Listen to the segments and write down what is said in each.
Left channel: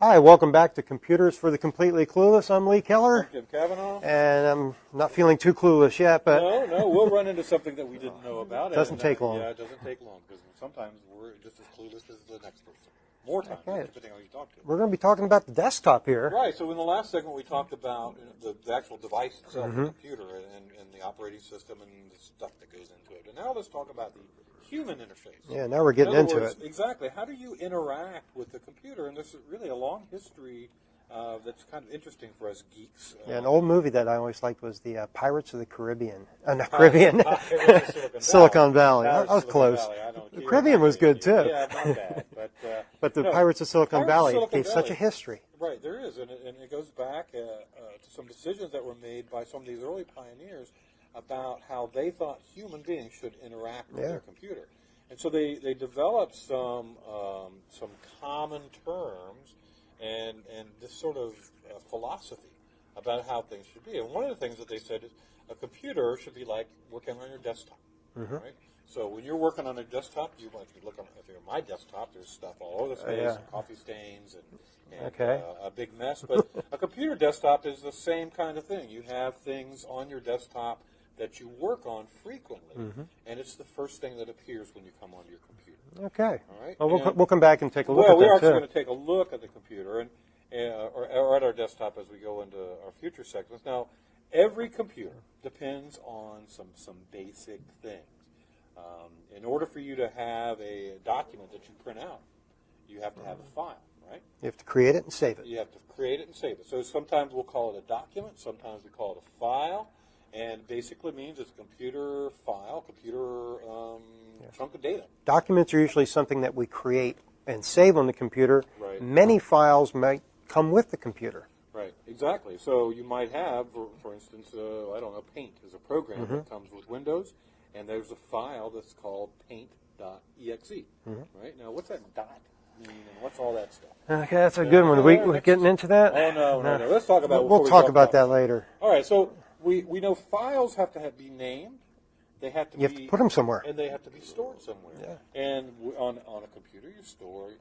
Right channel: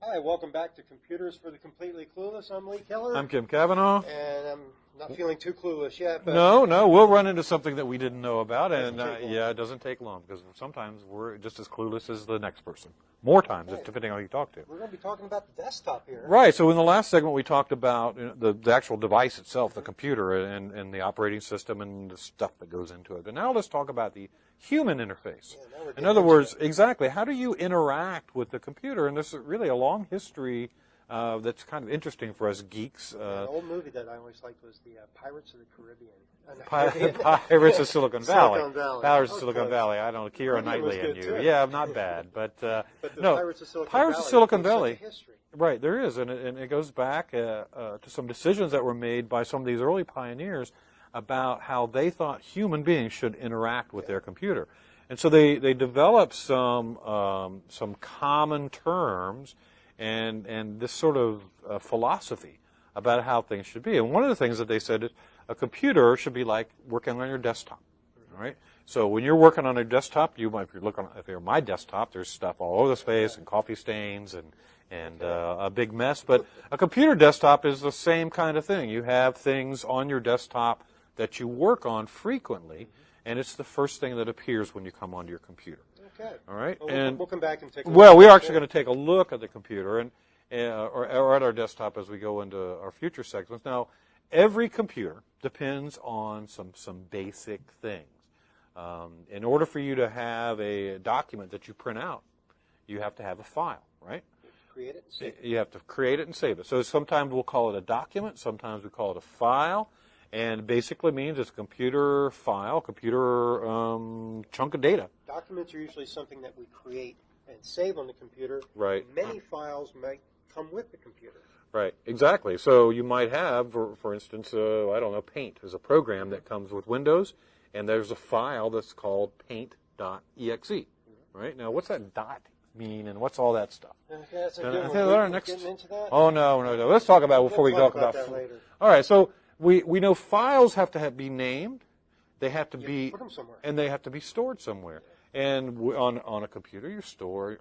Hi, welcome back to Computers for the Completely Clueless. I'm Lee Keller. I'm Kim Cavanaugh. And I'm not feeling too clueless yet. But No, we'll run into something that we didn't know about. It doesn't take long. Yeah, it doesn't take long because sometimes we're just as clueless as the next person. More times, depending on who you talk to. We're going to be talking about the desktop here. Right, so in the last segment we talked about the actual device itself, the computer, and the operating system and the stuff that goes into it. And now let's talk about the human interface. Yeah, now we're getting into it. In other words, it. exactly, how do you interact with the computer? And there's really a long history that's kind of interesting for us geeks. An old movie that I always liked was the Pirates of the Caribbean. Caribbean. Pirates of Silicon Valley. Silicon Valley. Pirates of Silicon close. Valley. I don't know. The Caribbean was good too. Yeah, not bad. But the Pirates of Silicon Valley. Such a history. Right, there is, and it goes back to some decisions that were made by some of these early pioneers about how they thought human beings should interact with their computer. And so they developed some common terms and this sort of philosophy about how things should be. And one of the things that they said is a computer should be like working on your desktop, right? So when you're working on a desktop, if you're on my desktop, there's stuff all over the space and coffee stains and a big mess. But a computer desktop is the same kind of thing. You have things on your desktop that you work on frequently, and it's the first thing that appears when you come onto your computer. Okay. All right. Well, we'll come back and take a look. Well, we are actually going to take a look at the computer or at our desktop as we go into our future segments. Now, every computer depends on some basic things. In order for you to have a document that you print out, you have to have a file, right? You have to create it and save it. You have to create it and save it. So sometimes we'll call it a document. Sometimes we call it a file. And basically means it's a computer file, chunk of data. Documents are usually something that we create and save on the computer. Right. Many files might come with the computer. Right, exactly. So you might have, for instance, I don't know, Paint is a program that comes with Windows, and there's a file that's called paint.exe. Right? Now, what's that dot mean, and what's all that stuff? Okay, that's a good one. We're getting into that? Oh, no. Let's talk about it before we go. We'll talk about that later. All right, so we know files have to be named. They have to have to put them somewhere, and they have to be stored somewhere. Yeah. And on a computer,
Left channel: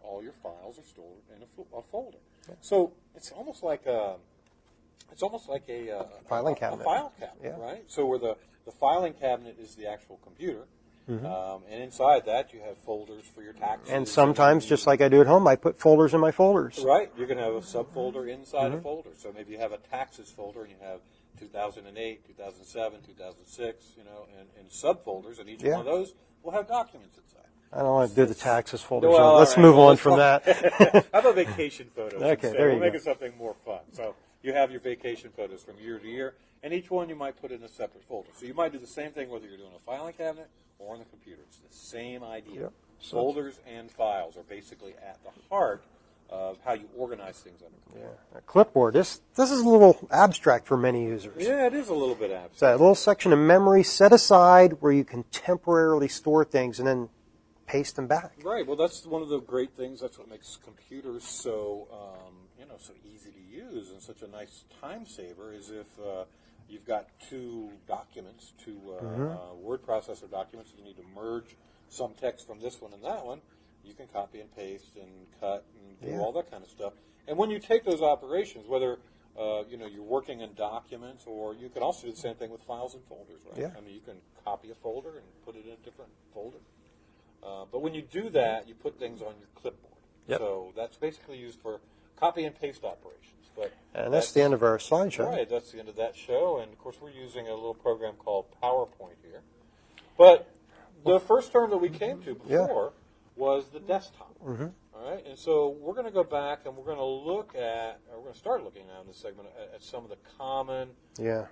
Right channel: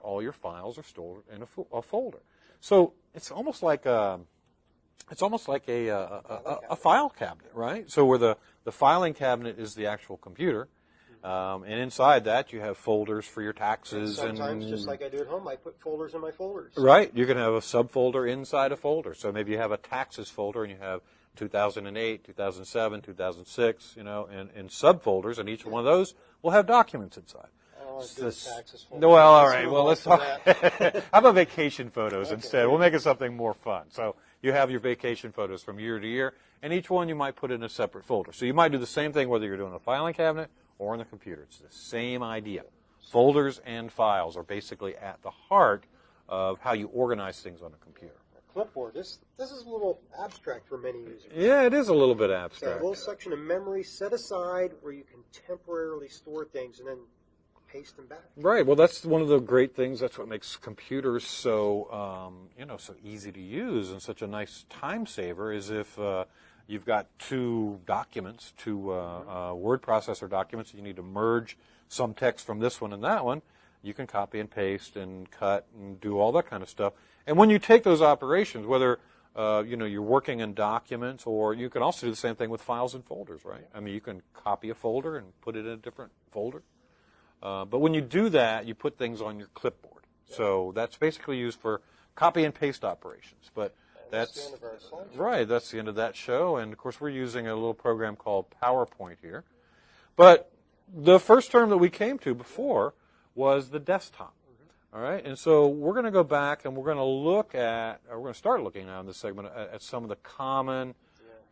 all your files are stored in a folder. Yeah. So it's almost like a file cabinet, right? So where the filing cabinet is the actual computer, and inside that you have folders for your taxes. And sometimes, just like I do at home, I put folders in my folders. Right. You can have a subfolder inside a folder. So maybe you have a taxes folder, and you have 2008, 2007, 2006, in subfolders, and each one of those will have documents inside. I don't want to do the taxes folder. Well, let's move on from that. How about vacation photos instead? We'll make it something more fun. So you have your vacation photos from year to year, and each one you might put in a separate folder. So you might do the same thing whether you're doing a filing cabinet or on the computer. It's the same idea. Yep. Folders and files are basically at the heart of how you organize things on a computer. Yeah. A clipboard. This is a little abstract for many users. Yeah, it is a little bit abstract. It's that little section of memory set aside where you can temporarily store things and then paste them back. Right. Well, that's one of the great things. That's what makes computers so so easy to use and such a nice time saver. Is if you've got two documents, word processor documents, you need to merge some text from this one and that one. You can copy and paste and cut and do all that kind of stuff. And when you take those operations, whether you're working in documents, or you can also do the same thing with files and folders, right? Yeah. I mean, you can copy a folder and put it in a different folder. But when you do that, you put things on your clipboard. Yep. So that's basically used for copy and paste operations. And that's the end of our slideshow. Right, that's the end of that show. And, of course, we're using a little program called PowerPoint here. But the first term that we came to before was the desktop. All right, and so we're going to go back and we're going to start looking now in this segment at some of the common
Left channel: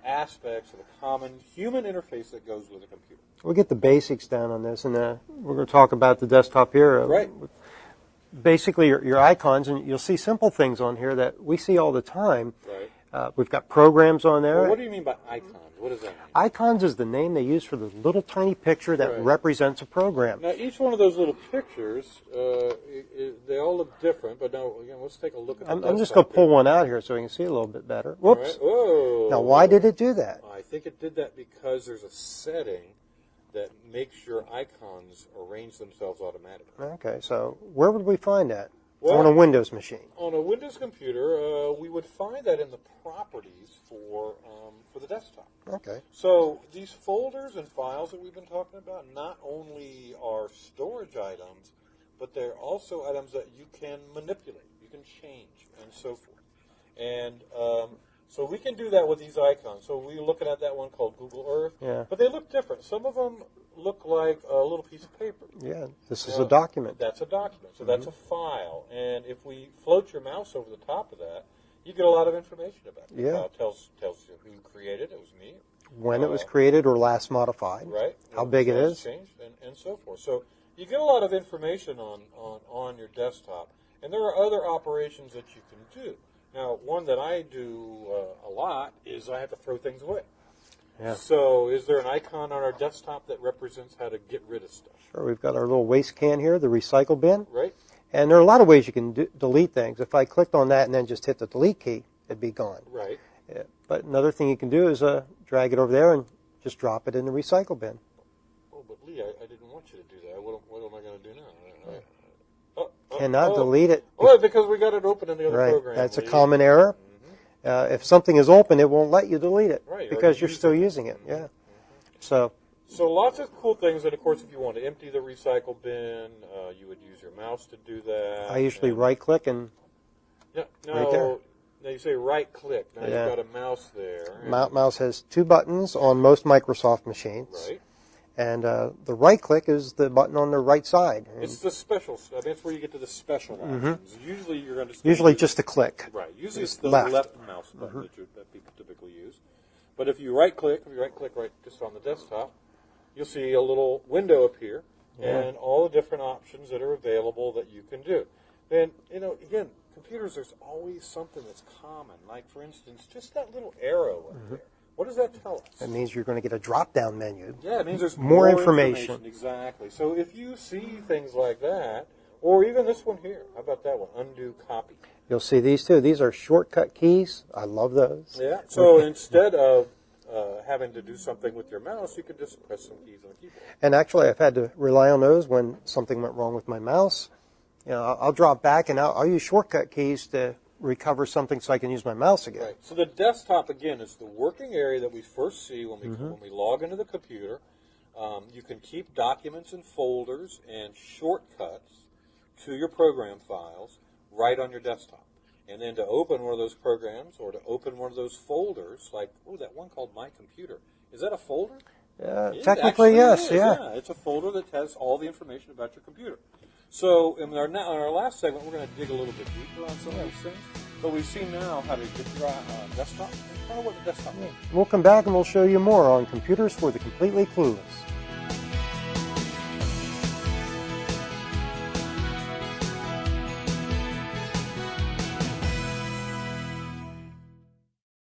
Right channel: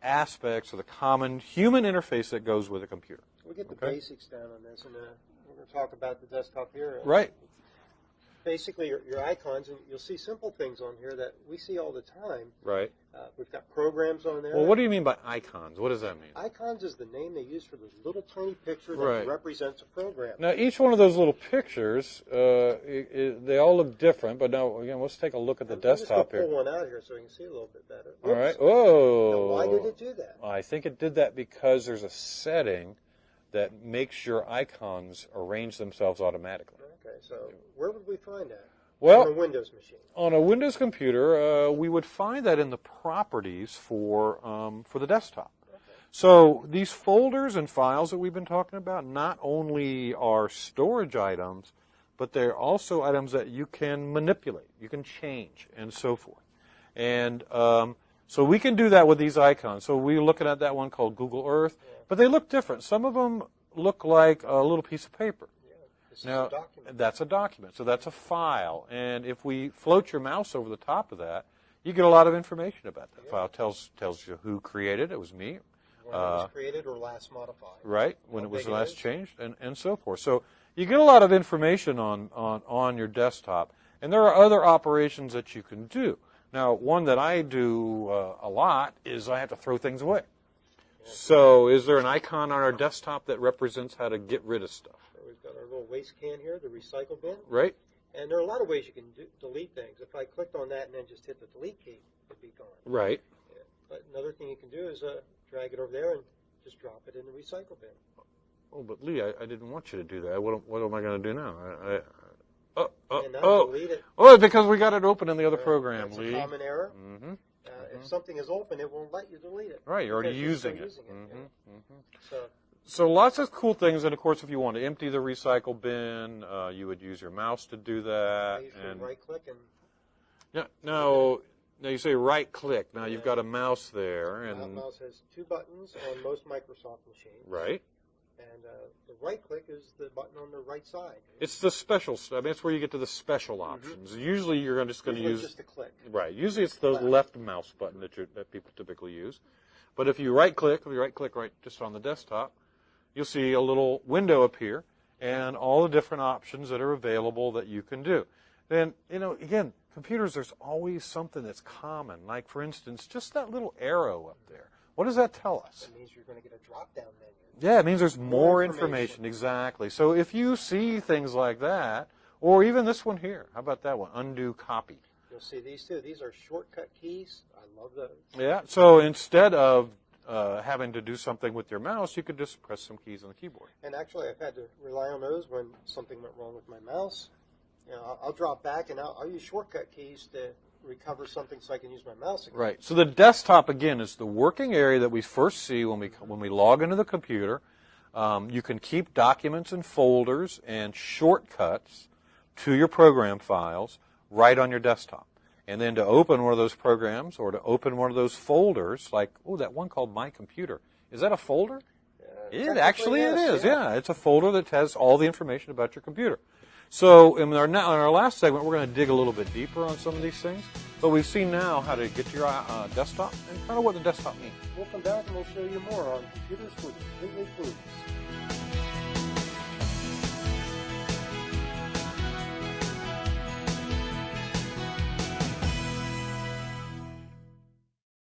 aspects of the common human interface that goes with a computer. We'll get the basics down on this, and we're going to talk about the desktop here. Right. Basically, your icons, and you'll see simple things on here that we see all the time. Right. We've got programs on there. Well, what do you mean by icons? What does that mean? Icons is the name they use for the little tiny picture that represents a program. Now, each one of those little pictures, they all look different, but now, again, let's take a look at the desktop. I'm just going to pull one out here so you can see a little bit better. Whoops. All right. Whoa. Now, why did it do that? I think it did that because there's a setting that makes your icons arrange themselves automatically. Okay, so where would we find that? Well, on a Windows machine? On a Windows computer, we would find that in the properties for the desktop. Okay. So these folders and files that we've been talking about not only are storage items, but they're also items that you can manipulate, you can change, and so forth. And so we can do that with these icons. So we're looking at that one called Google Earth, but they look different. Some of them look like a little piece of paper. Yeah, this is a document. That's a document. So that's a file. And if we float your mouse over the top of that, you get a lot of information about it. The file tells you who created it. It was me. When it was created or last modified. Right. How big it is. Changed, and so forth. So you get a lot of information on your desktop. And there are other operations that you can do. Now, one that I do a lot is I have to throw things away. Yeah. So is there an icon on our desktop that represents how to get rid of stuff? Sure. We've got our little waste can here, the recycle bin. Right. And there are a lot of ways you can delete things. If I clicked on that and then just hit the delete key, it'd be gone. Right. Yeah. But another thing you can do is drag it over there and just drop it in the recycle bin. Oh, but Lee, I didn't want you to do that. What am I going to do now? And not delete it. Oh, because we got it open in the other program. That's a common error. If something is open, it won't let you delete it because you're still using it. Yeah. So lots of cool things, and of course, if you want to empty the recycle bin, you would use your mouse to do that. I usually right-click and. Yeah. Now you say right-click. Now you've got a mouse there. Mouse has two buttons on most Microsoft machines. Right. And the right-click is the button on the right side. It's the special stuff. That's where you get to the special options. Usually you're going to just a click. Right. Usually it's the left mouse button that people typically use. But if you right-click right just on the desktop, you'll see a little window appear and all the different options that are available that you can do. Then, again, computers, there's always something that's common. Like, for instance, just that little arrow up there. What does that tell us? It means you're going to get a drop-down menu. Yeah, it means there's more information. Exactly. So if you see things like that, or even this one here, how about that one? Undo copy. You'll see these too. These are shortcut keys. I love those. Yeah. So instead of having to do something with your mouse, you could just press some keys on the keyboard. And actually, I've had to rely on those when something went wrong with my mouse. I'll drop back and I'll use shortcut keys to recover something so I can use my mouse again. Right. So the desktop, again, is the working area that we first see when we log into the computer. You can keep documents and folders and shortcuts to your program files right on your desktop. And then to open one of those programs or to open one of those folders, like, that one called My Computer. Is that a folder? Technically, yes. It is. Yeah, it's a folder that has all the information about your computer. So in our last segment, we're going to dig a little bit deeper on some of these things. But we've seen now how to get your desktop and kind of what the desktop means. We'll come back and we'll show you more on computers for the completely clueless.